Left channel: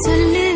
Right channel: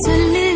சொல்லு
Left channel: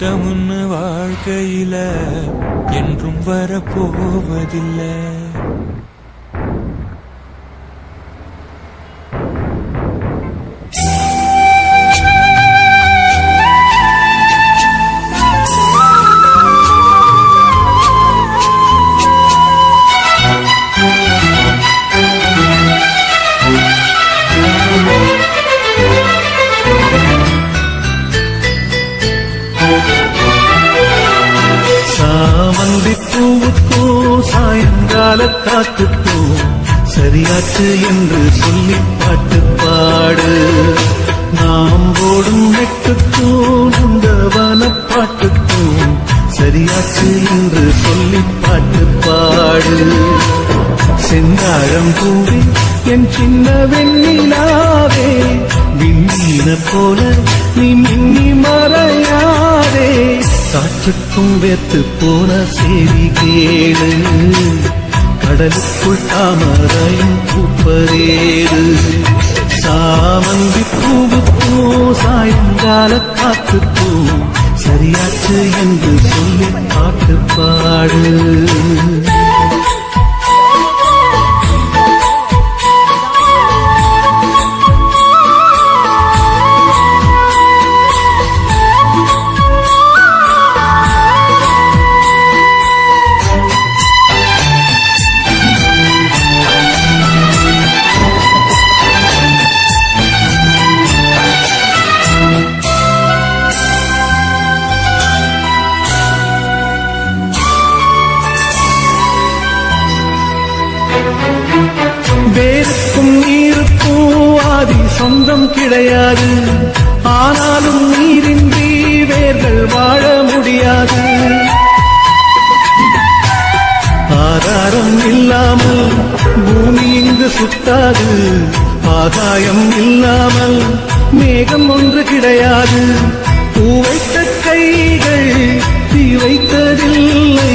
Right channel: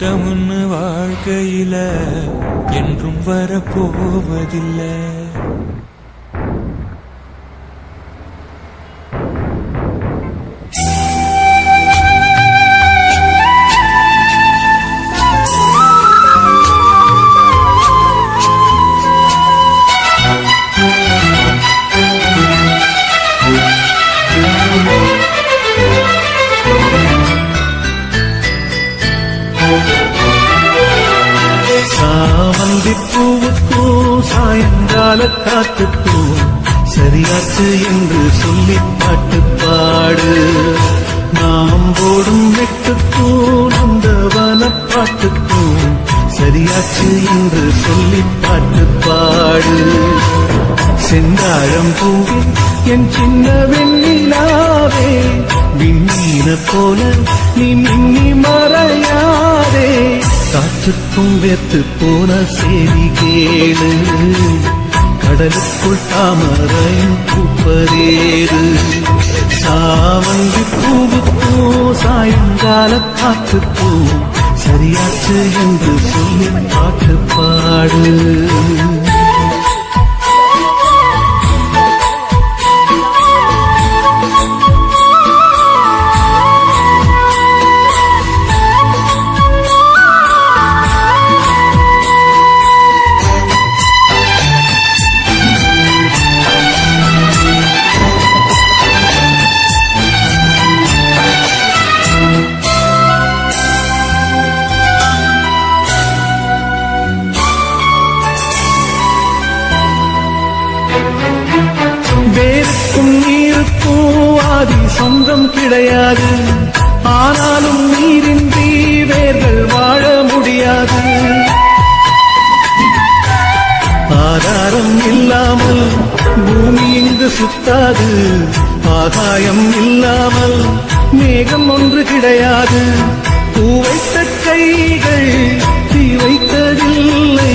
கஷ்டம் கஷ்டம்னு வாழ்க்கையில என்றும் வரப்போவதில்லை. பூவுக்கும் சாயங்கால காத்துக்கும் சரியாச்சு என்று சொல்லி பாட்டு பாடு. நாம் போடும் வெட்டுக்கும் அந்த வனப்பாட்டுக்கும் சரியாச்சு என்று சொல்லி பாட்டு பாடு. செந்தாழம் பூவே என் சின்ன வெண்ணிலாவே விண்ணீன போல நீ மின்னி மறையாதே. காற்றுக்கும் வெத்து போன செய்தி கேளு கடலுக்குள் தாமரையும் பூப்பரேறு சாமந்தி பூவுக்கும் சாயங்கால காத்துக்கும் சரியாச்சு என்று சொல்லி பாட்டு பாடு. வேருக்கும் நீருக்கும் ஆதி சொந்தம் கிடையாது. ஆனாலும் நீரின்றி வேர்கள் வாழ முடியாது. ஆதாரம் இல்லாமல் பூமி இங்கு சுத்தாது. ஆகாயம் இல்லாமல் மேகம் ஒன்று கிடையாது. பூ வைத்த கைகள் தீ வைத்ததில்லை.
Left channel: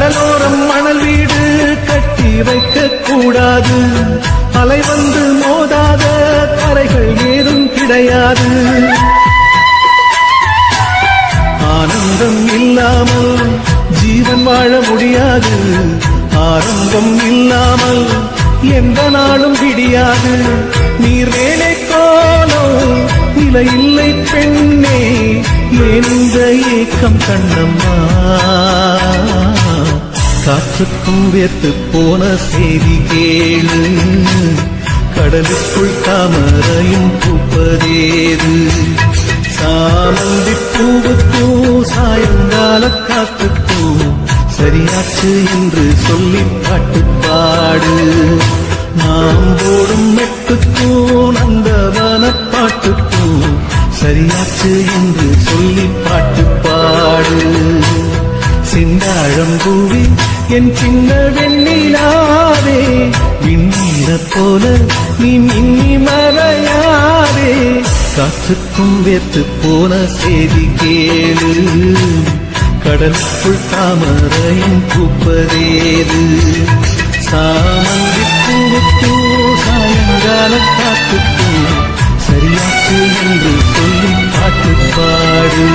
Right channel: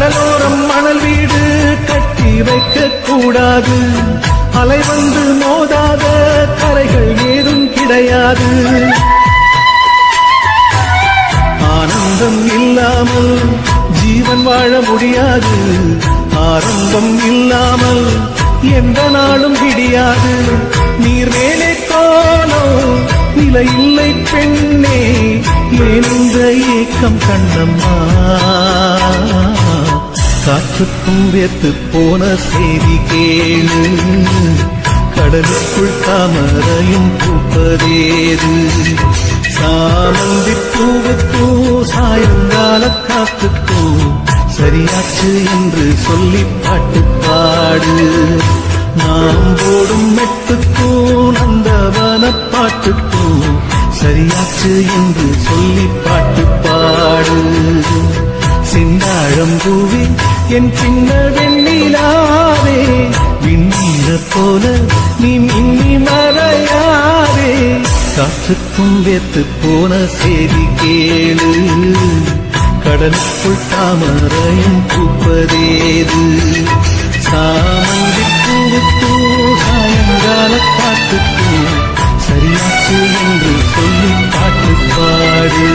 கடலோரம் மணல் வீடு கட்டி வைக்க கூடாது அலை வந்து மோதாத கரைகள் ஏதும் கிடையாது. ஆனந்தம் இல்லாமல் ஜீவன் வாழ முடியாது. ஆரம்பம் இல்லாமல் எந்த நாளும் விடியாது. நீர் மேலே கோலம் நிலையில்லை பெண்ணே எந்த ஏக்கம் கண்ணம்மா? காற்றுக்கும் வேத்து போன செய்தி கேளு. கடலுக்குள் தாமரையும் பூப்பதேது. சாமந்தி பூவுக்கும் சாயங்கால காத்துக்கும் சரியாச்சு என்று சொல்லி பாட்டு பாடு நாம் போடும் மெட்டுக்கும் நந்தவன பாட்டுக்கும் சரியாச்சு என்று சொல்லி பாட்டு பாடு செந்தாழம் பூவி என் சின்ன வெண்ணிலாவே விண்ணீர போல நீ மின்னி மறையாதே காற்றுக்கும் வெத்து போன செய்தி கேளு கடலுக்குள் தாமரையும் கூப்பதேது சாமந்தி பூவுக்கு சாயங்கால காத்துக்கு சரியாச்சு என்று சொல்லி பாட்டு பாடு.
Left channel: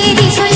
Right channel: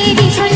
你必